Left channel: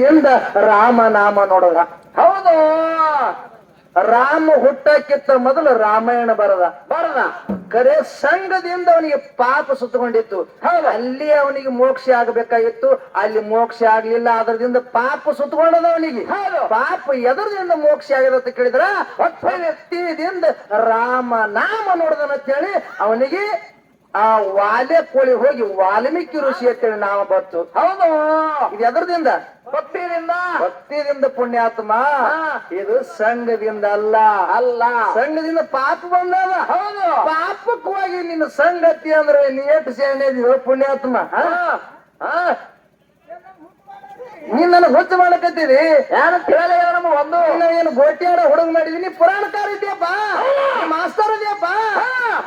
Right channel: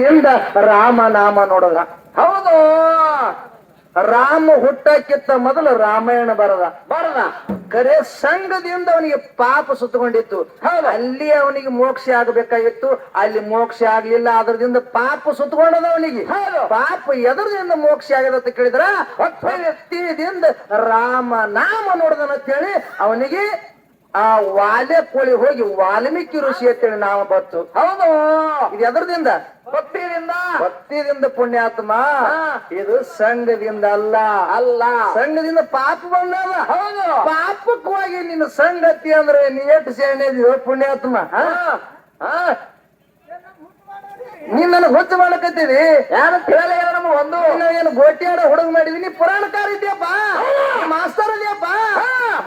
ಇಂದ ರಾಮ ನಾಮ ನೋಡದ್ರ. ಹೌದು. ರಾಮ ಹುಟ್ಟಕ್ಕಿಂತ ಮೊದಲು ರಾಮಾಯಣ ಬರದ. ಬರದ. ಕರೆ ಸಂಘದಿಂದ ಅವನಿಗೆ ಪಾಪ ಸುತ್ತಕೊಂಡಿತ್ತು. ಹೌದು. ಅಲ್ಲಿ ಅವನಿಗೆ ಮೋಕ್ಷ ಆಗಬೇಕಾಗಿತ್ತು. ಅಲ್ಲಿ ಮೋಕ್ಷ ಆಗ್ಲಿಲ್ಲ ಅದರದಿಂದ ಪಾಪ ಸುತ್ತಕೊಂಡದ ಅವನಿಗೆ. ಪಾಪ ಎದರದಿಂದ ಮೋಕ್ಷ ಆಗದ ಅಂತ ಕೇಳಿದ್ರ? ವ್ಯಕ್ತಿಯಿಂದ ರಾಮ ನಾಮ ನೋಡದನ ಹೇಳಿ ಅವನಿಗೆ ಆ ವಾಲೆ ಕೋಳಿ ಹೋಗಿ ವಾಲ್ಮೀಕಿ ಋಷಿ ಅಂತೇಳಿ ನಾಮ ಬರ್ತು. ಹೌದು. ಎದರದಿಂದ ಭಕ್ತಿಯಿಂದ? ಭಕ್ತಿಯಿಂದ ಪುಣ್ಯಾತ್ಮ. ಇದು ಸಂಘದಿಂದ ಅಲ್ಲ. ಅಲ್ಲ. ಸಂಘದಿಂದ ಪಾಪ ಬಂದದ. ಹೌದು. ಪಾಪಕ್ಕೆ ಹೋಗಿ ನಿನ್ನ ಸಂಗತಿ ಅಂದ್ರೆ ನೀಟ್ ಸೇನೆ ಪುಣ್ಯಾತ್ಮ? ನೀನ್ ನನಗೆ ಹುಚ್ಚು ಮಾಡಕತ್ತೀವಿ ಯಾರು ಕೇಳ ನಮ್ಮ ಒಂದು? ನೀನು ಏನು ಗೋಟ್ಯಾಡ ಹುಡುಗ ಮಾಡಿದೀನಿ ಪುರಾಣಕಾರ ಇದೆಯಪ್ಪ? ಮಾಸ್ತರ್ ಇದೆಯಪ್ಪ?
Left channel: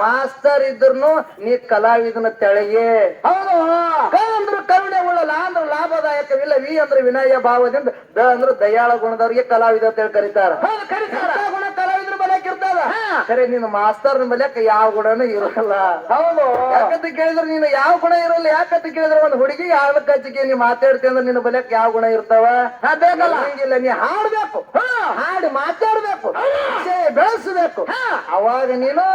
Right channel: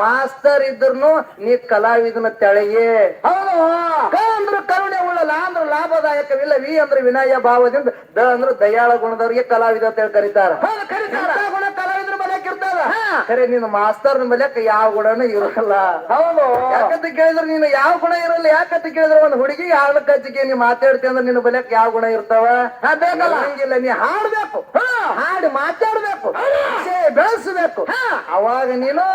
ಮಾಸ್ತರ್ ಇದ್ರು ನೀ ಕಲಾವಿದನ ತೆಳಗೆ. ಹೌದು. ಅಂದ್ರೆ ಕರುಣೆ ಉಳ್ಳ ಲಾ ಅಂದ್ರೆ ಲಾಭದಾಯಕವಿಲ್ಲ. ವಿ ಅಂದ್ರೆ ವಿನಯ ಭಾವದಿಂದ ದ ಅಂದ್ರೆ ದಯಾಳ ಗುಣದವ್ರಿಗೆ ಕಲಾವಿದ ಅಂತ ಹೇಳಿ ಕರೀತಾರ. ಗುಣ ಕಲಾವಿದ್ರ ಬಲ್ಯಾಕ ಇರ್ತದ ಹಾ. ಖರೆ ನೀನು ಮಾಸ್ತರ್ನ ಬಲ್ಯಾಕ ಯಾವ ಗುಣನೂ ಇರಲ್ಲ. ಹೌದು. ಯಾಕಂತ ಕೇಳಿದ್ರೆ ನೀನು ಯಾವ ಗುಣ ಇರಲ್ಲ. ಯಾಕಂತ ಕೇಳಿದ್ರೆ ಒಂದು ಹುಡುಗಿ ಯಾವ ಕಚ್ಚಿಗೆ ನೀ ಮಾತಾಡ್ತಿ ಅಂದ್ರೆ ನಿನ್ನ ಬಲಕ್ ಯಾವ ಗುಣ ಇರ್ತಾವ? ಹಂಗಿಲ್ಲ ನೀ ಹಾಡ್ಬೇಕು. ಹಾ. ಹಾಡಿ ಮಾತಾಡ್ಬೇಕು. ಬೆಳೆಸ್ಬೇಕು. ಅವಾಗ ನೀನು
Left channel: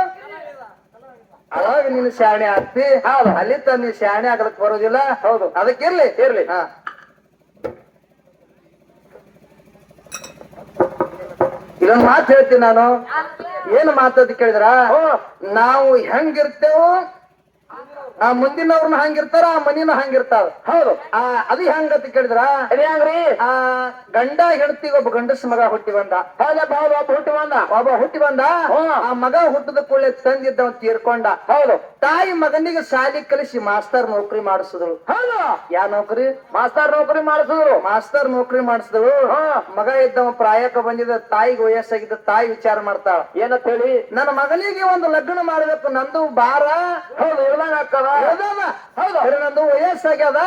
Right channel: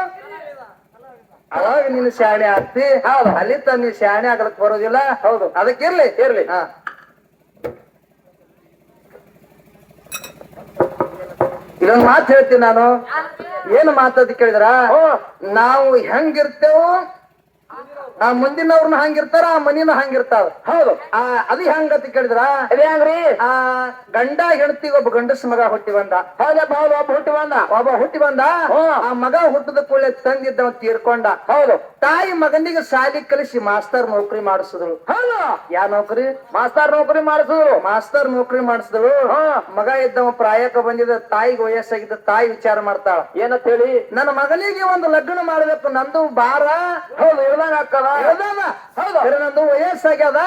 ಅವಾಗ ನೀನು ಶಾಣೆ ಆಗ್ತಿ? ಹೌದು. ಅಲ್ಲಿ ತನ್ನ ಶಾಣೆ ಆಗಲಕ್ ಬರೋದಿಲ್ಲ? ಹೌದು. ಅದಕ್ಕಿರ್ಲಿ ಇರ್ಲಿ. ಹಾ. ಇದೊಂದು ಮಾತು ಹೇಳ್ತೀನಿ ನಾನು. ಏನು ಮಾತಾದ್ ಕೇಳಿದ್ರ? ನಾವು ಹೆಂಗಿರ್ತೇವೋ ಆ ಮುಂದಿನವ್ರನ್ನ ಹಂಗಿರ್ತಾರ ಆ ಮನಿನ ಹಂಗಿರ್ತಾವ ಹೌದು. ಆ ಅದು ಹೆಂಗಂತ ಕೇಳಿದ್ರ? ಅದೇ ಹೆಂಗ್ರಿ? ಆ ಗಂಡ ಹೆಂಡತಿ ಒಬ್ಬ ಗಂಡಸ ಮಗ ಹುಟ್ಟಿ ಬಂದ. ಹೌದಪ್ಪ ಹೌದು ಒಬ್ಬ ಹುಟ್ಟಿ ಬಂದ. ಒಬ್ಬ ಹುಟ್ಟಿ ಬಂದ. ಆ ಮಗ ಹುಟ್ಟದ ಕೂಡಲೇ ತಂದಿದ್ದ ತೀರ್ಕೊಂಡ. ಹೌದು. ತಾಯಿ ಮಗನಿಗೆ ಶಾಲಿ ಕಲಿಸಿ ಮಾಸ್ತರ್ ನೌಕರಿ ಮಾಡಿಸಿದಳು. ಹೌದು. ಯಾ ನೌಕರಿ? ಮಾಸ್ತರ್ ನೌಕರಿ ಮಾಡಿಸಿದ್ರು ಮಾಸ್ತರ್ ನೌಕರಿ ಮಾಡಿಸಿದಳು. ಹ್ಮ್. ಮಗ ಇದ್ದವ ಪ್ರಾಯಕ ಬಂದಿದ್ದ ತಾಯಿಗೆ ವಯಸ್ಸಾಗಿದ್ದ ತಾಯಿ ವಿಚಾರ ಮಾಡ್ತಾಳ. ಏನಂತ ಹೇಳಿ? ನನ್ನ ಮಗನಿಗೆ ಒಂದು ಲಗ್ನ ಮಾಡಬೇಕು ನಂದು ಬಾರ ಹೌದು ನಂದು ವಯಸ್ಸಾಗ್ಯದ.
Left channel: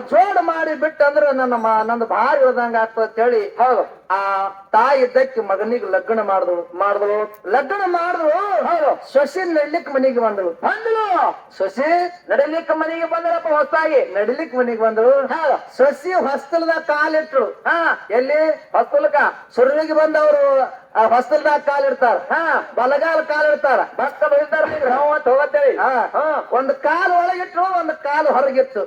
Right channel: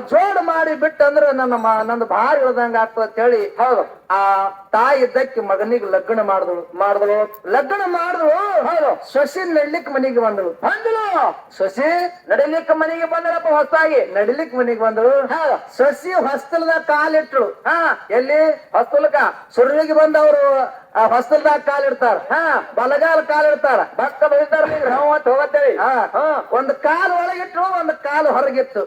ಜೋಡ್ ಮಾಡಿ ಬಿಟ್ಟಂದ್ರ ನನ್ನ ಮ- ನಂದು ಭಾರ ಇಳ್ದಂಗ ಆಗ್ತದ ಅಂತ ಹೇಳಿ. ಹೌದು. ಆ ತಾಯಿ ಇದ್ದಕ್ಕೆ ಮಗನಿಗೆ ಲಗ್ನ ಮಾಡಿದಳು ಮಾಡಿದಳು ಲಗ್ನ ಮಾಡಿದಳು ಹೌದು. ಸೊಸೆ ನಡ್ಲಿಕ್ ಮನೆಗೆ ಬಂದ್ರು ಬಂದ್ರು ಸೊಸೆ ನಡಿಲಿಕ್ ಮನೆಗೆ ಬಂದ್ರಪ್ಪ ಹೊಸ್ತಾಗಿ. ನಡಿಲಿಕ್ ಮನೆಗೆ ಬಂದ್ರು ಸೊಸಿ ಹೊಸ್ತಲದ ಕಾಲಿಟ್ಟಳು ಹಾ, ಎಲ್ಲಿ? ಹೊಸ್ತಲಕ ಸುರುಳಿಗೆ ಬಂದವರು. ಆ ಹೊಸಲ್ದಾಗ ಕಾಲಿಡ್ತಾರ ಹಾ ಬಲಗಾಲ ಕಾಲಿಡ್ತಾರ ಭಕ್ತ ಬೈತಾರ ಹೋಗತ್ತೇಳಿ. ಒಂದು ಕಾಲು ಒಳಗಿಟ್ಟು ಒಂದು ಕಾಲು ಹೊರಗಿತ್ತು.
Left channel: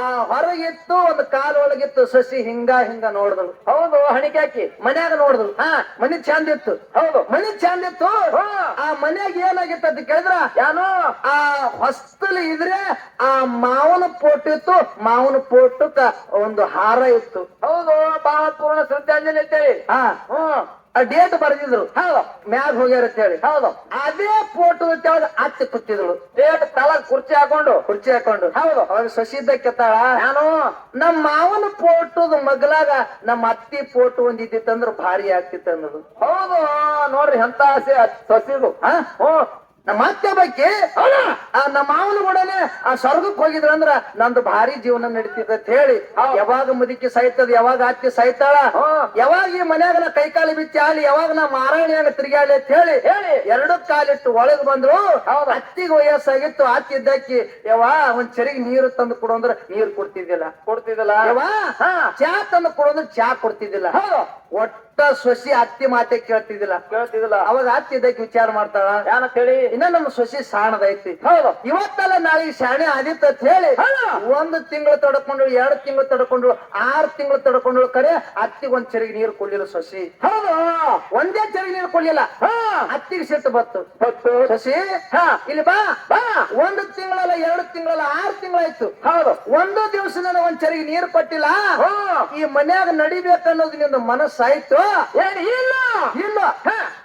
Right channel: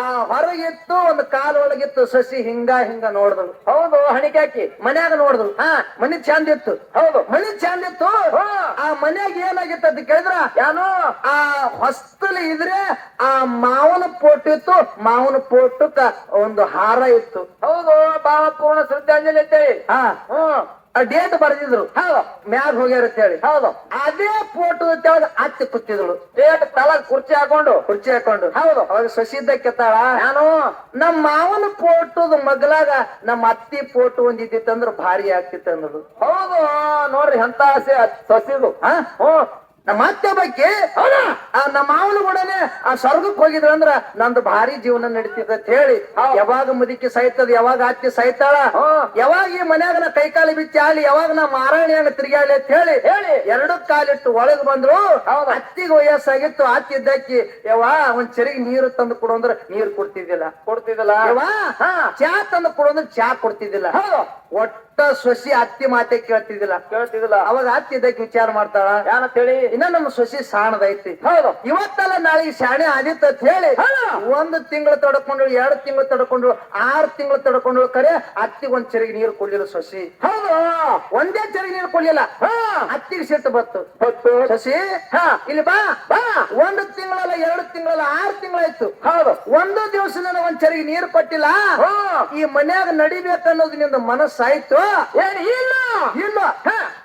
ಆ ಹೊರಗಿತ್ತು ಒಂದು ಕಾಲು ಒಳಗಿತ್ತು ಸಸಿ ಹಿಂಗ ಹಿಂಗ ನೋಡಿದಳು. ಹೌದು ಹಣಿಕಾಕಿ ಮನ್ಯಾಗ ನೋಡಿದಳು. ಹಾ ಮನಿ ಚಂದ ಇತ್ತು. ಹೌದು. ಮನಿ ಚಂದ ಇತ್ತು. ಆ ಮನ್ಯಾಗ ಏನಾಗಿತ್ತು ಅಂತ ಕೇಳಿದ್ರ? ಯಾನು? ಆ ಹೊಸ್ತಲು ಇದ್ರೆ ಆ ಮಾವನ ಪೋಟ್ ಇತ್ತು. ಮಾವನ ಪೋಟಕ್ಕ ಒಂದು ಹಾರ ಇತ್ತು. ಹೌದು ಬಹಳ ಪೂರ್ಣ ಶ್ರದ್ಧಾಂಜಲಿ ಅಂತೇಳಿ ಹಾ. ಹ್ಮ್ ಡೇಟ್ ಬರೆದಿದ್ರು. ಹೌದ. ಮ್ಯಾಗ ಹೋಗ್ಯಾರ ಅಂತ ಹೇಳಿ ಹೌದು. ಅದೇ ಫೋಟೋ ತೆಗೆದು ಅಚ್ಚ ಕುತ್ತಿದ್ರು ಡೇಟ್ ತಲಗ ಕುರ್ಚಿ ಹಾಕೊಂಡು. ಕುರ್ಚಿ ಹಾಕೊಂಡು. ಹೌದು. ಅವಾಗ ಸೊಸಿದ್ದ ಕೆತ್ತಾಳ? ನಾನು ನಮ್ಮ ಮಾವನ ಫೋಟೋದ ಮಗಲಾಗ ನಮ್ಮ ಅತ್ತಿ ಫೋಟೋ ಒಂದಿದ್ದಿತ್ತಂದ್ರ ಭಾರಿ ಆಗ್ತಿತ್ತು ಅನ್ನೋದು. ಹೌದು. ನೋಡ್ರಿ ಎಂತ ಆಸೆ. ಸಸಿದು ಹಾ? ಹ್ಮ್. ನಮ್ಮ ಅತ್ತೆ ಬಗ್ಗೆ ಆ ನಮ್ಮ ಮಾವನ ಕೂಡನೆ ಆ ಸ್ವರ್ಗಕ್ಕೆ ಹೋಗಿದ್ರ ಅಂದ್ರ ನಂದು ಭಾರಿ ಜೀವನ ನಡೀತಿದೆ ಅಂತ ಹೇಳಿ. ಯಾವಾಗ ಮುದುಕಿ ಸಾಯ್ತದ ಯಾವಾಗ ಅತ್ತಿ ಸಾಯ್ತಾಳ ಯಾವಾಗ ಈ ಮನ್ಯಾಗ ನಾ ಕೈಕಾಲು ಬಿಚ್ಚಿ ಆಲಿ ಯಾವಾಗ ನಾ ಮಾರಾಣಿಯಾಗ ತಿರುಗಾಳಿ ಅಂತ ಹೇಳಿ ಹೇಳಿ. ಎರಡು ಕಾಲಿಟ್ಟು ಒಳಗ್ ಬಂದ್ರು. ಅತ್ತಿಗೆ ವಯಸ್ಸಾಗಿತ್ತು ಅತ್ತಿ ಯಾವಾ ಒಂದ್ ಚೆರಿಗೆ ನೀರು ತಂದು ಕೊಡು ಅಂದ್ರೆ ನೀರು ಕೊಡ್ತಿದ್ದಿಲ್ಲ. ಕೊಡ್ತಿದ್ದಿಲ್ಲ? ಯವಾ ಹಾ. ಚಾ ತಂದು ಕೊಡು ಅಂದ್ರೆ ಚಾ ಕೊಡ್ತಿದ್ದಿಲ್ಲ. ಒಟ್ಟ ಸೊಸಿ ಅತ್ತಿ ಮಾತೆ ಕೇಳ್ತಿದ್ದಿಲ್ಲ. ಕೇಳ್ತಿದಿಲ್ಲ ಅವಾಗ ಅತ್ತಿ ಇದಕ್ಕೆ ವಿಚಾರ ಮಾಡ್ತಾಳ. ಏನಂತ ಹೇಳಿ? ಇನ್ನ ನಮ್ಮ ಸೊಸಿ ಸಾಣದೈತಿ. ಹೌದು. ಇವತ್ತಲ್ಲ ನಾಳೆ ಶಾಣೆ ಆದಿತ್ತು ಅಂತ ಹೇಳಿ. ಒಂದು ತಿಂಗಳು ತಡ್ಕೊಂಡು ಎರಡು ತಿಂಗಳು ತಡ್ಕೊಂಡು ಆರು ತಿಂಗಳು ತಡ್ಕೊಂಡು ಕರೆ ಅತ್ತಿಗೆ ಒಂದ್ ಚರಿಗೆ ನೀರು ಕೊಡ್ಲಿಲ್ಲ ಸೊಸಿ. ಹೌದು. ಒಂದೇ ಚರಿಗೆ ನೀರು ಕೊಡ್ಲಿಲ್ಲ. ಹಾ. ಅತ್ತಿಗೆ ಸಿಟ್ಟು ಬತ್ತು ಸೊಸಿ ಹಾ. ಇಲ್ಲಿ ಬಾ. ಬಾ. ಒಂದು ತಿಂಗಳಲ್ಲ ಎರಡು ತಿಂಗಳಲ್ಲ ಆರು ತಿಂಗಳಾಯ್ತು. ಹೌದು. ಒಂದು ದಿವಸ ಒಂದ್ ಚರಿಗೆ ನೀರು ಕೊಟ್ಟಿಲ್ಲ. ಈ ಮನ್ಯಾಗ ನಡಿಬೇಕನ್ನೋದು ನಿಮ್ದು ಮನಸ್ಸಾಯ್ತು. ಏನ್ ಇಲ್ಲ? ಇಲ್ಲ.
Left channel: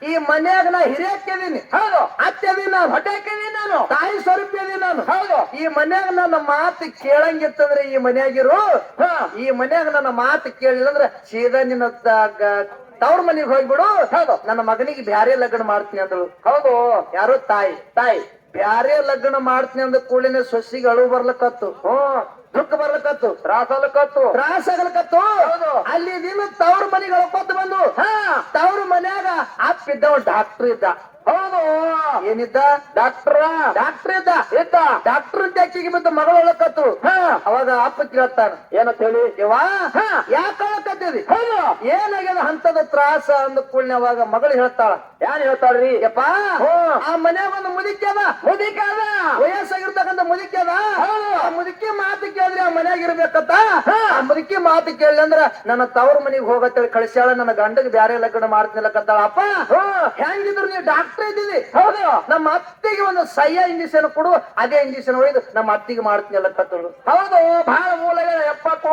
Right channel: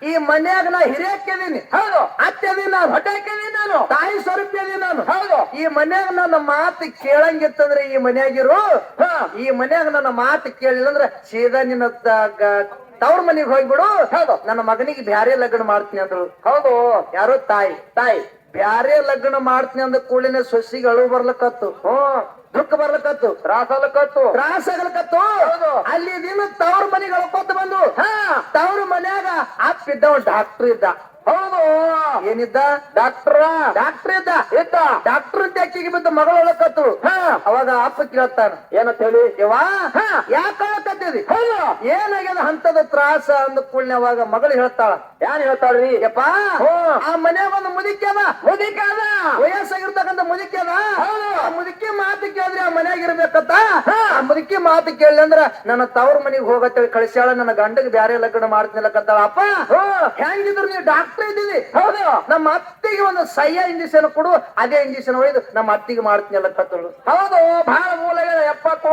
ಈ ಮನ್ಯಾಗ ನಾ ಹಿರಿಯಕ್ಕೆದೀನಿ. ಹೌದು. ಅತ್ಯದೀನಿ ನಾನು ಹೊಟ್ಟೆ ಹಾಕಿದೀನಿ ನಾನು, ತಾಯಿ ಸ್ವರೂಪದಿ ನಾನು. ಹೌದು. ಈ ಮನ್ಯಾಗ ನನ್ನ ಮಾತು ಕೇಳಂಗಿತ್ತಂದ್ರೆ ಈ ಮನ್ಯಾಗಿರು. ಈ ಮನ್ಯಾಗ ನನ್ನ ಮಾತು ಕೇಳಿಲ್ಲ ಅಂದ್ರೆ ಸೀದಾ ನಿನ್ನ ತವ್ರ ಮನೆಗೆ ಹೋಗ್ಬಿಡು. ಹೌದು. ನನ್ನ ಮಗನಿಗೆ ಬ್ಯಾರೆ ಲಗ್ನ ಮಾಡ್ತೀನಿ ಅಂದ್ರು. ಹೌದು. ಯಾರೋ ತಾಯಿ. ತಾಯಿ, ಬ್ಯಾರೆ ಲಗ್ನ ಮಾಡ್ತೀನಿ ಅಂದ ಕೂಳಿನ ಸೊಸಿಗೆ ಅಳು ಬರ್ಲಕತ್ತು. ಹ್ಮ್. ದುಃಖ ಬರ್ಲಕತ್ತು ರಾಸಲ ಕತ್ತು. ತ್ರಾಸ ಆಗಲಕತ್ತು. ಅಲ್ಲಿ ನಿನ್ನ ತವ್ರ ಮನೆಗೆ ಅಳ್ಕೊತ ಬಂದು ಹಾ. ತವ್ರ ಮನ್ಯಾಗ ಅಪ್ಪ ಇದ್ದವ ಡಾಕ್ಟರ್ ಇದ್ದ. ಹೌದು. ಏನಿದ್ದ? ಡಾಕ್ಟ್ರ. ಡಾಕ್ಟರ್ ಇದ್ದ? ಇದ್ದ. ಡಾಕ್ಟರ್ ಅಕ್ಕಿಗೆ ಬಿದ್ದ ಮಗಳು ಹೇಳಕತ್ತು ಹಾ. ಅವಾಗ ಅಪ್ಪ ಕೇಳ್ತಾನ ಏನಂತ ಹೇಳಿ? ಹಾ. ಯಾಕೆ ಹೇಳಕತ್ತಿದಿ ಹೌದು. ಏನಾಗ್ಯದ ಹಂತದ ತ್ರಾಸ ಅಂದ ಕೂಡಲೇ ಅವಾಗ ಮಗಳು ಹೇಳ್ತಾಳ. ಯಾನ್ ಹೇಳ್ತಾಳ್ರಿ? ಯಪ್ಪ. ಆ ಮನ್ಯಾಗ ಒಂದು ಮುದುಕಿ ಅದ. ಮುದಿಕ ಅದ. ವಯಸ್ಸಾಗಿರ್ತಕ್ಕಂಥ ಮುದುಕಿ ಅದ. ಆ ಮುದುಕಿ ಮಾತು ಕೇಳಿದ್ರೆ ಆ ಮನ್ಯಾಗ ಇರ್ಬೇಕಂತ. ಆ ಮುದುಕಿ ಮಾತು ಕೇಳಿ ಅಂದ್ರ ನನ್ನ ತವ್ರ ಮನೆಗೆ ಹೋಗತ್ತೇಳಿ ಕಳಿಸ್ಯಾಳ ನನ್ನ ಗಂಡಗೆ ಬ್ಯಾರೆ ಲಗ್ನ ಮಾಡ್ತೀನಲ್ಲಕತ್ತಾಳ ಅಪ್ಪ ಹ್ಮ್. ಹೆಂಗಿದ್ರು ನೀವು ಡಾಕ್ಟರ್ ಇದ್ದೀವಿ. ಹೌದು. ನಮ್ಮ ಅತ್ತಿಗೆ ಒಂದು ಸಯ್ಯ ಇಂಜೆಕ್ಷನ್ ಕೊಡು, ಅದೇ ಇಂಜೆಕ್ಷನ್ ಒಯ್ದು ನಮ್ಮ ಅತ್ತಿಗೆ ಮಾಡ್ತೀನಲ್ಲಕತ್ತಳು ಹೌದು ಬಹಳ ಮೂಲ ಎಪ್ಪತ್ತು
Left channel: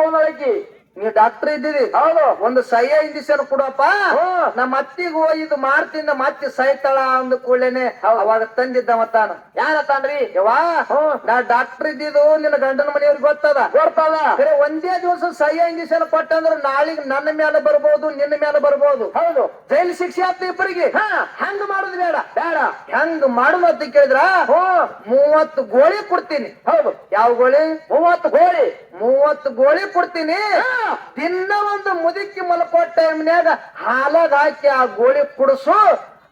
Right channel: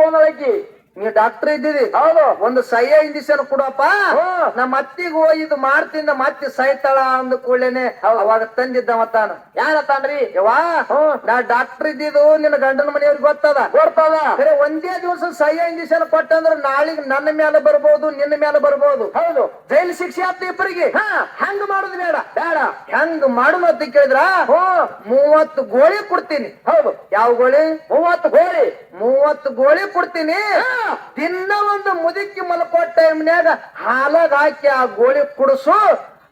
ನೀ ಡಾಕ್ಟರ್ ಇದ್ದೀರಿ? ಹೌದು. ಒಂದು ಸಹ್ಯ ಇಂಜೆಕ್ಷನ್ ಕೊಡಪ್ಪ. ನಮ್ಮ ಅತ್ತಿಗೆ ಇದು ಮಾಡ್ತೀನಿ ನಮ್ಮ ಅತ್ತಿ ಸೈತಾಳ ಅಂದ ಕೂಡಲೇನೆ ಅವಾಗ ತಂದಿದ್ದ ಮತ್ತಾನ ಯಾರ ತಾನ್ರಿ ಯವಾ ನಾ ಡಾಕ್ಟರ್ ಇದ್ದಿದ್ದು ನಿನ್ನ ಗಂಡನ ಮನೆಯವ್ರಿಗೆ ಗೊತ್ತದ? ಗೊತ್ತದ. ಬರೀ ಒಂದೇ ದಿವಸ ಸಹ್ಯ ಇಂಜೆಕ್ಷನ್ ಕೊಟ್ಟಂದ್ರ ನಾಳಿಗ್ ನನ್ನ ಮೇಲೆ ಬರ್ಬೋದು ನಿನ್ನ ಮೇಲೆ ಬರ್ಬೋದು. ಹೌದು. ಜೈಲ್ ಶಿಕ್ಷೆ ಆತ ಇಬ್ಬರಿಗೆ. ಹೆಂಗ್ ಮಾಡುದು ಬೇಡ. ಬೇಡ. ಹೆಂಗ್ ಮಾಡುದು ಅಂತ ಕೇಳಿದ್ರ? ಮೂವತ್ತು ಗೋಳಿ ಕೊಡ್ತೀನಿ. ಹೌದು. ಯಾವ ಗೋಳಿ? ಮೂವತ್ತು ಗೋಳಿ. ಮೂವತ್ತು ಗೋಳಿ ಕೊಡ್ತೀನಿ. ದಿನ ಒಂದು ಮುದುಕಿ ಮಲ್ಕೋ ಟೈಮ್ನ್ಯಾಗ ಹಾಲಾಗ ಹಾಕಿ ಆ ಗೋಳಿ ಕುಡಿಸು.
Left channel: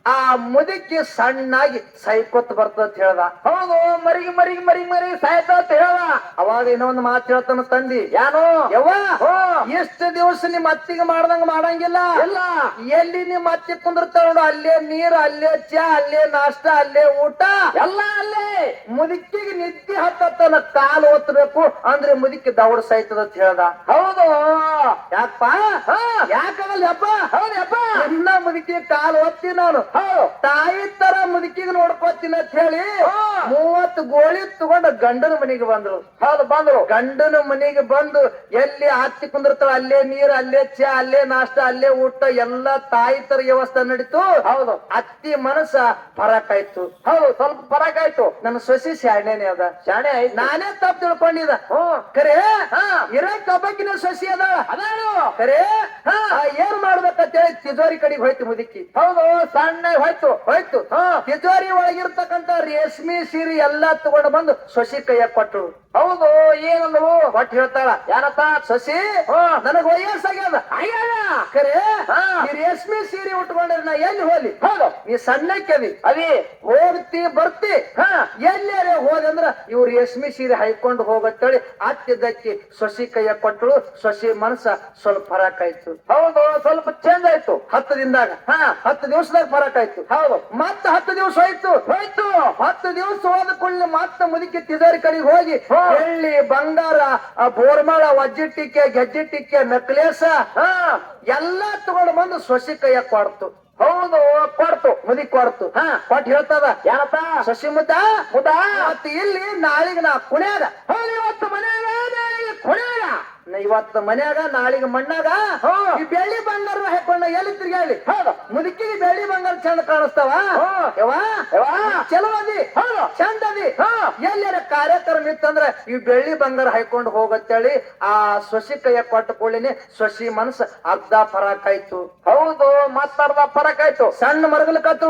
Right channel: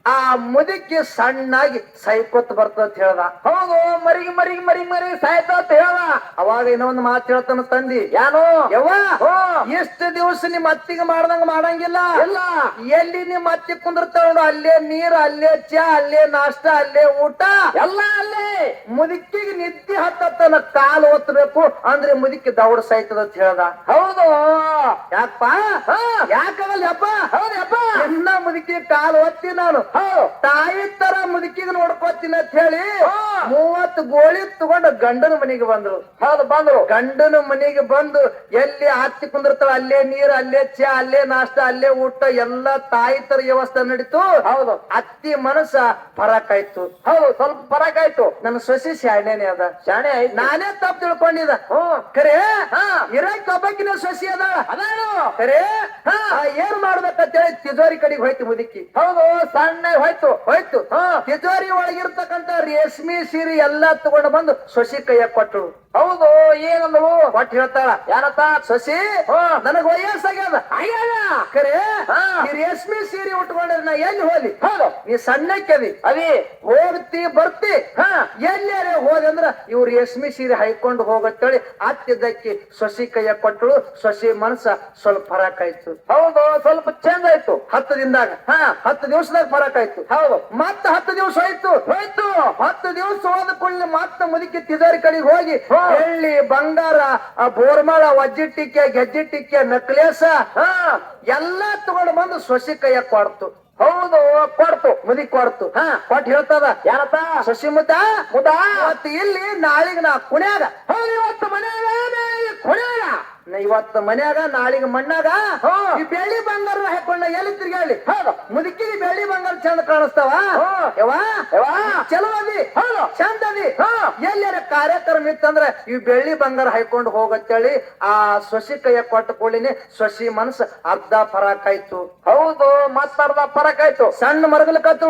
ಆ ಮುದುಕಿ ಸಣ್ಣಾಗಿ ಸೈಕೋತ್ ಬರ್ತದ ಅಂತ ಹೇಳ್ದ. ಹೌದು ಮರಿಗಿ ಮರಿಗಿ ಮರಿಗೆ ಮರಿ ಸಾಯ್ತ ಅಂತ ಹೇಳ ಅವಾಗ ಇನ್ನೊಂದು ಮಾತು ಹೇಳ್ತಾನ ತಂದಿ. ಯಾನೋ? ಯವ್ವ? ಹೋ ಎಷ್ಟು ದಿವಸ ನಿಮ್ ಅತ್ತಿಗೆ ಮಾಡ್ದಂಗ ಮಾಡಂಗಿಲ್ಲ. ಇಲ್ಲ. ಎಲ್ಲಿ ನಿಮ್ಮ ಅತ್ತಿ ಕುಂದಿರ್ತಾವ ಅಲ್ಲೇ ನೀರ್ ಅಲ್ಲೇ ಚಾ ಅಲ್ಲೇ ನಾಷ್ಟ ಅಲ್ಲೇ ಊಟ. ಎಲ್ಲ ಅಲ್ಲೇ. ಮುದುಕಿಗೆ ನಿದ್ದೆ ಹತ್ತತ್ತನ ಕಾಲು ಒತ್ತಬೇಕು ಅಂದ್ರೆ ಮುದುಕಿ ದೌಡ ಸಾಯ್ತದ ಅಂತ ಹೇಳ್ದ. ಹೌದು. ಯಾಕಪ್ಪ? ಹಾ. ಯಾಕವಲ್ಲ ಅಪ್ಪ ಹೌದಪ್ಪ ಎಲ್ಲ ಮುದುಕಿ ಕಾಲು ಒತ್ತಿ ನಾನು? ತಾಯಿ ತರ ಮುದುಕಿಗೆ ನೋಡ್ಕೊತೀನಿ ಅಂತ ಹೇಳಿ. ಮೂವತ್ತು ಗೋಳಿ ತಗೊಂಡು ಗಂಡನ ಮನೆಗೆ ಬಂದ್ರು. ಹೌದು ಬಂದ್ರು. ಗಂಡನ ಮನೆಗೆ ಬಂದು ಎಲ್ಲಿ ಹತ್ತಿ ಕುಂದಿರ್ತಾವ ಅಲ್ಲೇ ನೀರ್ ಅಲ್ಲೇ ಚಾ ಅಲ್ಲೇ ನಾಷ್ಟ ಅಲ್ಲೇ ಊಟ ಎಲ್ಲ ತಾಯಿ ತರ ವ್ಯವಸ್ಥೆ ನಡೀತು. ಹೌದು. ಅತ್ತಿ ಮನಸ್ಸ ಪರಾಕಾಯ್ತು. ಹೌದು ಸ್ವಲ್ಪ ಫರಕ್ ಆಯ್ತು ನನ್ನ ಸೊಸಿ ಶಾಣೆನೆ ಅದ. ಶಾಣೆ ಆಯ್ತು. ನಾನೇ ತಪ್ಪು ತಿಳ್ಕೊಂಡಿದ ಕರೆ ಇರ ಒಬ್ಬಕಿನ ಸೊಸಿ ಅದ. ಅದಾನು. ಕರೆ ಏನ್ ಮಾಡ್ಬೇಕಂತ ಹೇಳಿ ತಿಜೋರಿ ಕಡೆಗೆ ಹೋಯ್ತು ಮುದುಕಿ. ಹೌದು ಸಣ್ಣ ಹೋಯ್ತು ಹೋಯ್ತು. ಹಾ. ತಿಜೋರಿ ಒಳಗಿರ್ತಕ್ಕಂತ ರೇಷ್ಮಿ ಸೀರೆ ಎಲ್ಲಾ ತಗೊಂಡು ಬಂದು ಸೊಸಿ ಕೈಯ ಕೊಟ್ಟರು ಹೌದು ಏನಂದ್ರು ಕೊಟ್ಟು ಹೇಳ್ತಾಳ ಯಾರತ್ತ ಸೊಸಿ? ಹ ನನಗ್ ವಯಸ್ಸಾಗ್ಯದ. ಆಗ್ಯಾದ ರೇಷ್ಮೆ ಸೀರೆ ಉಟ್ಕೊಂಡ್ರೆ ನಾ ಎಲ್ಲಿ ಹೋಲಿ? ಹೌದು. ನೀ ಕವಿ ಅದಿ. ಹೋಗ್ತಿ ಬರ್ತಿ. ಹಾ. ಎಲ್ಲಾರೆ ಹೋದಂದ್ರ ಇವ್ರು ರೇಷ್ಮೆ ಸೀರೆ ಹೈಕೊಂಡು ಹೋಗತ್ತೇಳಿ. ಅತ್ತಿದ್ದಕ್ಕಿ ಸೊಸಿ ಕೈಯ ಕೊಟ್ಟಳು ಸೊಸಿ ಮನಸ್ಸ ಸ್ವಲ್ಪ ಫರಕ್ ಆಯ್ತು. ಹೌದು ಸ್ವಲ್ಪ ಚಂದ ಆಯ್ತು. ಹತ್ತು ದಿನದಾಗ. ಹಾ. ಹತ್ತು ದಿವಸದಾಗ ಫರಕ್ ಆಯ್ತು. ಹೌದು. ಮತ್ತ ಹತ್ತು ದಿವಸ ಹೋಯ್ತು. ಹೋಯ್ತು. ಹತ್ತು ದಿವಸ ಹೋದ ಕೂಡಲೇ ಮತ್ತ ಮುದುಕಿ ತಿಜಾರಿ ಕಡೆಗೆ ಹೋಗಿ. ಬೆಳ್ಳಿ ಬಂಗಾರ ಆ ಬೋರ್ಮಾಳ ವಜ್ಜಿಟ್ಟಿಕೆ ಗೆಜ್ಜಿಟ್ಟಿಕೆ ನೆಕ್ಲೇಸ ಹಾ. ಎಲ್ಲಾ ತಗೊಂಡು ಬಂದು ಸೊಸಿ ಕೈಯ ಕೊಡ್ತು. ಹೌದು ಕೊಡ್ತು ಮುದಿ ಕೊಡ್ತು. ಹಾ. ಕೊಟ್ಟು ಹೇಳ್ತದ. ಯಾರಪ್ಪ? ಸೊಸಿ ಮುದ್ದ ಮುದಾ? ಇಲ್ಲಿ ನಾಳಿಗ ನಾ ಕುಣ್ಯಾಗ. ಹೌದು ಮನೆಯಾಗ ನಾ ಇವತ್ತು ಮನ್ಯಾಗ ನಾಳಿಗೆ ಮಣ್ಣಾಗ. ಈ ಬೆಳ್ಳಿ ಬಂಗಾರ ಹಾಕೊಂಡ ಎಲ್ಲಿ ತಿರ್ಗಾಳಿ ಹೌದು ಮುದುಕಿ ಬೆಳ್ಳಿ ಬಂಗಾರ ಚಂದ ಕಾಣಿಸ್ತಾವ? ಹಾ. ಯವ್ವಾ? ಯವ್ವಾ. ಚಲೋ ಅದಿ? ಹೌದು ಚಂದ ಅದಿ? ಹಾ. ಎಲ್ಲಾರ ಕಾರ್ಯಕ್ರಮ ಇತ್ತಂದ್ರ ಈ ಬೆಳ್ಳಿ ಬಂಗಾರ ಹಾಕೊಂಡು ಹೋಗತ್ತೇಳಿ ಆ ಸೊಸಿ ಕೈಯ ಕೊಟ್ಟ ಕೂಡಲಿನೇ ಸೊಸಿ ಮನಸ್ಸು ಅರ್ಧ ಪರಾಕಾಯ್ತು ಹೌದು ಮತ್ತರ್ಧ ಪರಾಕಾಯ್ತು ಆಯ್ತು. ಸಣ್ಣ ಮರಗಲ ಕತ್ತು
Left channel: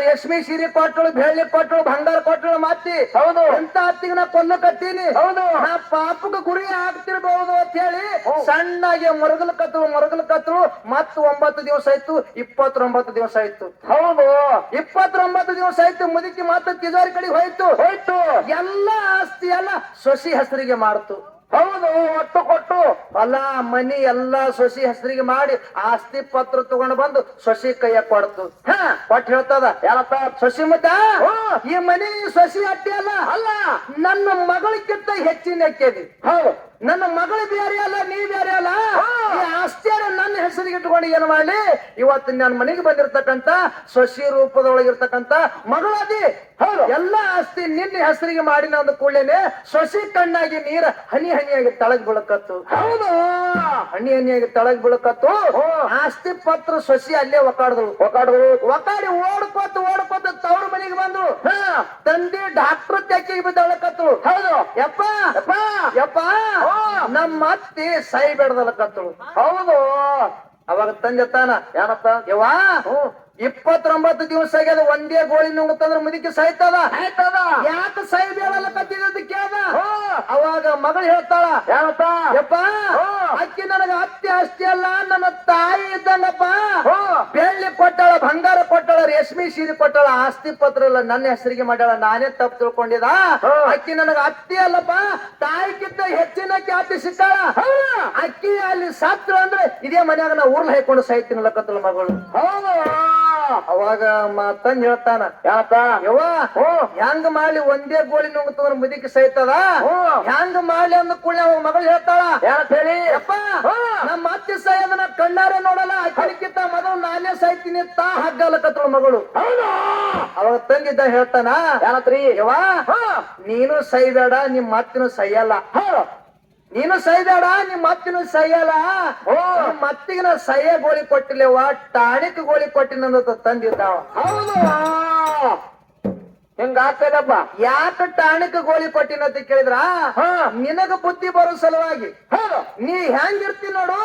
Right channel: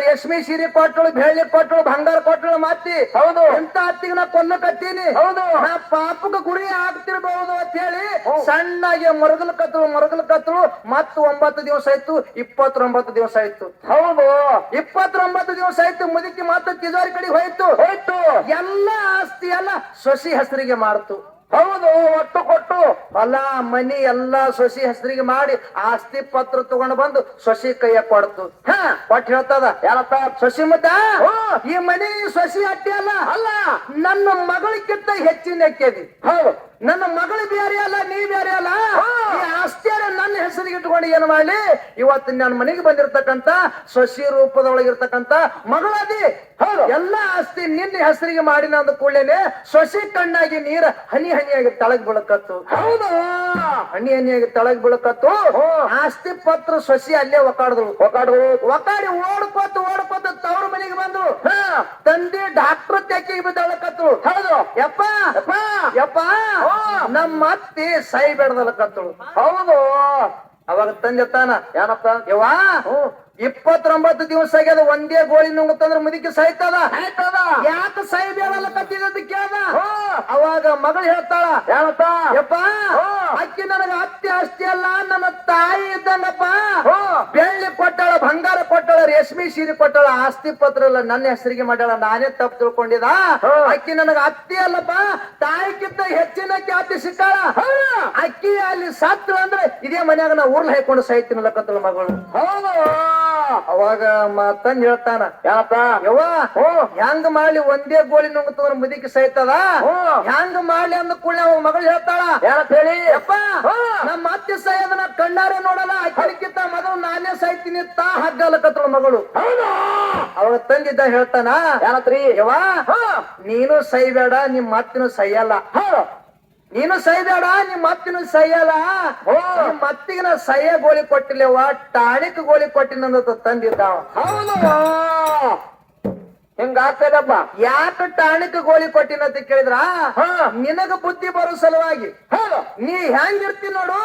ರೇಷ್ಮಿ ಸೀರೆ ಕೊಟ್ಟಳು ಬೆಳ್ಳಿ ಕೊಟ್ಟಳು ಬಂಗಾರ ಕೊಟ್ಟಳು ಮಾತಿ ಹೌದು. ಎಂತ ಅತ್ತಿಗೆ ನಾ ಕೊಲ್ಲಕತ್ತೀನಿ ಹೌದು. ನಾ ಪಾಪಕ್ಕೆ ಗುರಿ ಆಗ್ತಿರ್ಬಹುದು ಅಂತ ಹೇಳಿ ಸಣ್ಣಗೆ ಮರಗಲ್ ಕತ್ರು ಮರಗಲ್ ಕತ್ರು ಮತ್ತ ಒಂಬತ್ತು ದಿವಸ ಆಯ್ತು ಇಪ್ಪತ್ತೊಂಬತ್ತು ದಿವಸ ಆಯ್ತು ಹೌದು. ಇಪ್ಪತ್ತೊಂಬತ್ತು ದಿವಸ ಆಯ್ತು ಮುದುಕಿ ಮಾತು ತಿಜೋರಿ ಕಡೆ ಹೋಯ್ತು. ಹೋಯ್ತು. ಎಲ್ಲ ಆಸ್ತಿ ಎಲ್ಲ ಸೊಸಿ ಹೆಸರಿಗೆ ಮಾಡ್ತು. ಹೌದು ಒಟ್ಟು ಕೊಟ್ಟು. ಹೊಲ ಮನಿ ಎಲ್ಲಾ ಸೊಸಿ ಹೆಸರಿಗೆ ಮಾಡಿ ಆಸ್ತಿ ಪತ್ರ ತಗೊಂಡು ಬಂದು ಸೊಸಿ ಕೈಯ ಕೊಡ್ತು. ಹಾ. ಕೊಟ್ಟು ಹೇಳ್ತದ ಯಾರಪ್ಪ ಸೊಸಿ ಮತ್ತೆ ಹ್ಮ್. ಈ ಮನಿ ಸೊಸಿ ಅಟ್ಟಿ ಅಲ್ಲ. ಅಲ್ಲ. ನನ್ನ ಮಗಳಿಗಿಂತ ಹೆಚ್ಚಿನ ಕೇಳಿ ಹೌದು. ನನ್ನ ಮಗಳು ಬೇರೆ ಅಲ್ಲ ನೀ ಬೇರೆ ಅಲ್ಲ. ಈ ಆಸ್ತಿಯನ್ನ ನನ್ನ ಹೆಸರಿಗೆ ಇಟ್ಕೊಂಡು ಏನು ಮಾಡಲಿ? ಇವತ್ತು ನನ್ನ ಮನೆಗೆ ಬಂದಿರತಕ್ಕಂತ ಸೊಸಿ ರೂಪದೊಳಗಿರ್ತಕ್ಕಂತ ಮಗಳದಿ. ಹೌದು. ಎಲ್ಲ ಆಸ್ತಿ ನಿನ್ನ ಹೆಸರಿಗೆ ಮಾಡಿನ ಅಂದ ಕೂಡಲೇನೆ ಸೊಸಿ ಕಣ್ಣಾಗಿ ನೀರ ಹನಿ ಹನಿಯಾಗಿ ತಳಗ್ ಬೀಳಕತ್ತು. ಹೌದು. ಹನಿ ಆಗಿ ತಳಗ್ ಬೀಳಕತ್ತು ಆಸ್ತಿ ಪತ್ರ ಸೊಸಿ ಅಲ್ಲೇ ಒಕಾಡಿದ್ರು ಒಕಾಡಿದ್ರು ಒಕಾಡಿ ಓಡ್ಕೊತ ಓಡ್ಕೊತ ತವ್ರ ಮನೆಗೆ ಬಂದು ಹಾ. ತಂದೆ ಡಾಕ್ಟರ್ ತೆಕ್ಕಿಗೆ ಬಿದ್ದಳಕತ್ತು. ಹೌದು. ಯಪ್ಪ. ಯಪ್ಪ. ನಮ್ಮ ಅತ್ತಿ ಸೈ ಬೆಡ್ದಲಕತ್ತಳು ಹೌದು. ಅವಾಗ ತಂದೆ ತಾನ ಏನಪ್ಪ ಯವ್ವಾ? ಇಪ್ಪತ್ತೊಂಬತ್ತು ದಿವಸ ಆಗ್ಯದ ಒಂದೇ ಗೋಳಿ ನುಂಗತ್ತಂದ್ರ ಮುದುಕಿ ಸಾಯ್ತದ? ಯಾಕ ಸಾಯ್ಬೇಡಲ್ಲ ಕತ್ತಿದ್ದು ಕೇಳ್ದ? ಹೋ ಅವಾಗ ಮಗಳು ಹೇಳ್ತಾಳ ಏನಪ್ಪ ಯಪ್ಪ. ಅಕ್ಕಿ ನನಗ ಅತ್ತಿ ಅಷ್ಟೇ ಅಲ್ಲ ನನ್ನ ತಾಯಿ ಇದ್ದಲ್ಲಪ್ಪ ಹೋ ಬೆಳ್ಳಿ ಕೊಟ್ಟಾಳ ಬಂಗಾರ ಕೊಟ್ಟಾಳ ರೇಷ್ಮೆ ಸೀರೆ ಕೊಟ್ಟಾಳ ಆಸ್ತಿ ಪತ್ರ ಎಲ್ಲ ನನ್ನ ಹೆಸರಿಗೆ ಮಾಡ್ಯಾಳ ನಾನೇ ತಪ್ಪು ತಿಳ್ಕೊಂಡಿದ. ಅಕ್ಕಿ ನನಗ ಅತ್ತಿ ಅಲ್ಲಪ್ಪ ತಾಯಿಗಿಂತ ಹೆಚ್ಚಿನ ಖ್ಯಾತಿ ಸಿಕ್ಕಾಳ? ಅಕ್ಕಿ ಅಲ್ಲಿ ಸತ್ತು ಅಂದ್ರೆ ಇದೇ ಮನ್ಯಾಗ ನಾ ಊರ್ಲ ಹಾಕೊಂಡು ಸಾಯ್ತೀನಿ ಕತ್ತಲ ಮಗಳು. ಹೌದು. ಅವಾಗ ತಂದ್ ಹೇಳ್ತಾನ ಯಾತ ಯವ್ವ ಹೆಂಗ್ ಮಾಡಿ ಒಂದೇ ಗೋಳಿ ನುಂಗತಂದ್ರ ಮುದಿಕಿ ಸಾಯ್ತದ? ಓ ಹೆಂಗ್ ಮಾಡಿ ಅಂದ ಕೂಡ ಅವ ಮಗಳು ಹೇಳ್ತಾಳ ಹೇಳಿ? ಯಪ್ಪ ನಮ್ಮ ಅತ್ತೆ ಸಾಯೋದನ್ನ ಕಣ್ಣಾರೆ ನೋಡಲ್ಲ ಅಕ್ಕಿಕ್ಕಿಂತ ಮೊದಲು ನಾನೇ ಸಾಯ್ತೀನಿ ತಾ ಹಗ್ಗ ಕತ್ತಳ ಮಗಳು. ಅವಳ ಅವಾಗ ತಂದಿದ್ದ ಹೇಳ್ತಾನ ಯಾರತ್ರಿ? ಯವ್ವ ನೀನು ಸೈಬೇಡ ನಿಮ್ ಮತ್ತಿನ ಸೈಯಲ್ಲ. ನೀನು ಸೈದಾಡ ನಿಮ್ ಮತ್ತಿನ ಸೈಯಲ್ಲ ಓ. ಮತ್ತಿಗೆ ಮತ್ತಿಗಿನ ಸೈಯ ಗೋಳಿ ಕೊಟ್ಟಿಲ್ಲವ ಟಾಣಿಕ್ ಗೋಳಿ ಕೊಟ್ಟಿನಂದ ತಂದಿದ್ದ ಅವ. ಹೌದು. ಹಿಂಗ ಆಗ್ತದಪ್ಪ? ಯಾಕ ಟಾಣಿಕ್ ಗೋಳಿ ಕೊಟ್ಟಿನಂತ ಕೇಳಿದ್ರ? ಹಾ. ನಿನಗ ಬುದ್ಧಿ ಬರೋ ಸಲುವಾಗಿ. ನೀ ಹೆಂಗಿರ್ತಿ ನೋಡು?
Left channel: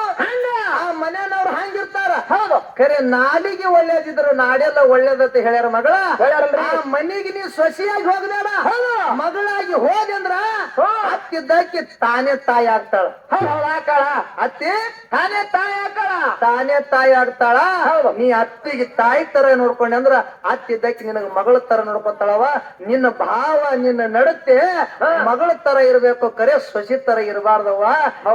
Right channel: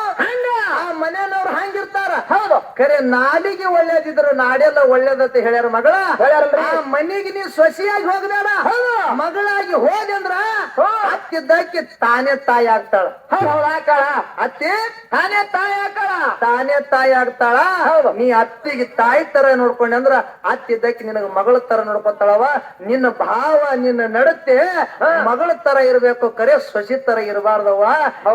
ಆ ಮನೆಯವ್ರು ಹಂಗಿರ್ತಾರ. ಹೌದು. ಖರೆ ನಾಲಿಗೆ ಒಳ್ಳೇದಿದ್ರ ನಾಡೆಲ್ಲ ಒಳ್ಳೇದತ್ತ ಹೇಳ್ಯಾರ ಮಗಳ. ಹೇಳ್ಯಾರಲ್ರಿ? ಆ ಮನೆಗೆ ನೀ ಸೊಸಿಯಾಗಿ ಹೋಗ್ಬೇಡ. ಹೌದು. ಮಗಳಾಗಿ ಹೋದೆ ಅಂದ್ರ. ಅತ್ತಿದ್ದಕ್ಕೆ ತಾನೇ ತಾಯಿ ಆಗ್ತಾಳ. ಹೌದು ಹೌದು ಅತ್ತಿ ತಾನೇ ತಾಯಿ ಆಕಳ ತಾನೇ ತಾಯಿ ಆಗ್ತಾಳ. ಹೌದು. ನೀ ಅತ್ತಿಗೆ ತಾಯಿ ತರ ನೋಡ್ಕೊಂಡೆ ಅಂದ್ರ ಅತ್ತಿದ್ದಕ್ಕೆ ನಿನಗ ಮಗಳ ತರ ನೋಡ್ಕೊತಾಳವ. ನಿನ್ನ ಭಾವ ನಿನ್ನ ನಡತೆ ಮಗಳ ತರ ಇರ್ಬೇಕು ಕರೆ ಸೊಸಿ ತರ ಇರಬಾರ್ದವ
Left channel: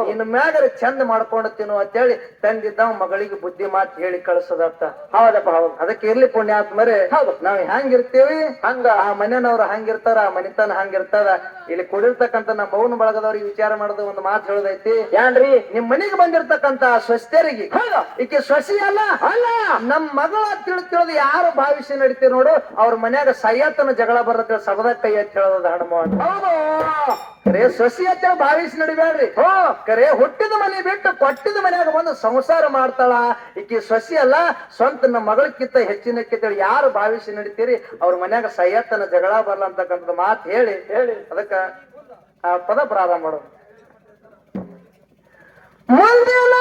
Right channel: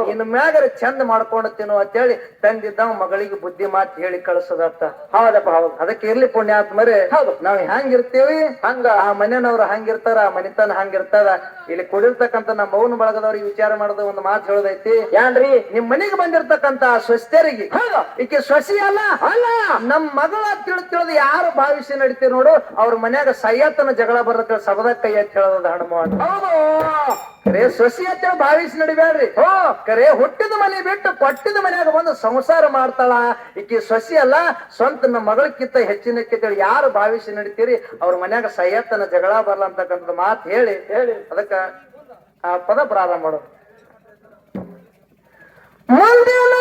ಇನ್ ಮ್ಯಾಗರ ಚಂದ ಮಾಡ್ಕೊಂಡು ತಿನ್ನು ಅಂತೇಳಿ ತಂದಿದ್ದ ಮಗಳಿಗೆ ಬುದ್ಧಿ ಮಾತು ಹೇಳಿ ಕಳಿಸದತ್ತ ಹೌದಪ್ಪ ಹೌದು. ಅದಕ್ಕೆ ಇರ್ಲಿ ಪುಣ್ಯಾತ್ಮರೇ. ಹೌದು. ನಾವ್ ಹೆಂಗಿರ್ತೀವಿ? ಹಂಗ ಆ ಮನೆಯವ್ರು ಹಂಗಿರ್ತಾರ ಆ ಮನಿತನ ಹಂಗಿರ್ತಾರ. ಇಲ್ಲಿ ಕುಡಿರ್ತಕ್ಕಂತ ನಮ್ಮ ಮೌನ ಬಳಗದವ್ರಿಗೆ ವಿಚಾರ ಮಾಡೋದು ಒಂದು ಮಾತು ಹೇಳೋದೈತಿ. ಯಾನ್ರಿ? ನಿಮ್ ಮನೆಗೆ ಬಂದಿರ್ತಕ್ಕಂತ ಸ್ವಸ್ಥರಿಗೆ. ಈಕೆ ಸ್ವಸಿ ಅಲ್ಲ? ಅಲ್ಲ. ನಮ್ ಮಗಳ ತಿಳಿ ತಿಳಿದು ಯಾರು ಭಾವಿಸಿ ನಡೀತೀವಿ ನೋಡು. ಅವ್ರ ಮನ್ಯಾಗ ಸಯ್ಯತನ ಜಗಳ ಬರುತ್ತೆ ಸಬದ ಕೈ ಅಂತ ಹೇಳೋದು ಹಣಮ ಹೌದು. ಕರೆ ಸೊಸಿ ಅಂತ ಭಾವಿಸಿ ನಡಿಬೇಡ್ರಿ ಹೋ ಕರೆ ಹುಟ್ಟಿದ ಮನೆ ಬಿಟ್ಟು ಕೊಟ್ಟಿದ ಮನ್ಯಾಗ ಬಂದು ಸಂಸಾರ ಮಾಡ್ತಾಳ. ಈಕಿ ಸೊಸಿ ಅಲ್ಲ ಸ್ವಂತ ನಮ್ಮ ಮಗಳಕ್ಕಿಂತ ಕಿತ್ತೇಳಿ ಯಾರು ಭಾವಿಸಿ ನಡಿತೀರಿ? ಅವ್ರ ಮನ್ಯಾಗ ಸಯ್ಯತ್ತನ ಜಗಳ ಬರಲ್ಲ ಅಂತಕ್ಕಂಥದ್ದು ಮಾತು ಹೇಳಿ. ಹೇಳಿ. ಅದಕ್ಕ ಆ ಪದ ಪ್ರಾರಂಭ ಮಾಡೋದು ಮುಂದಿನ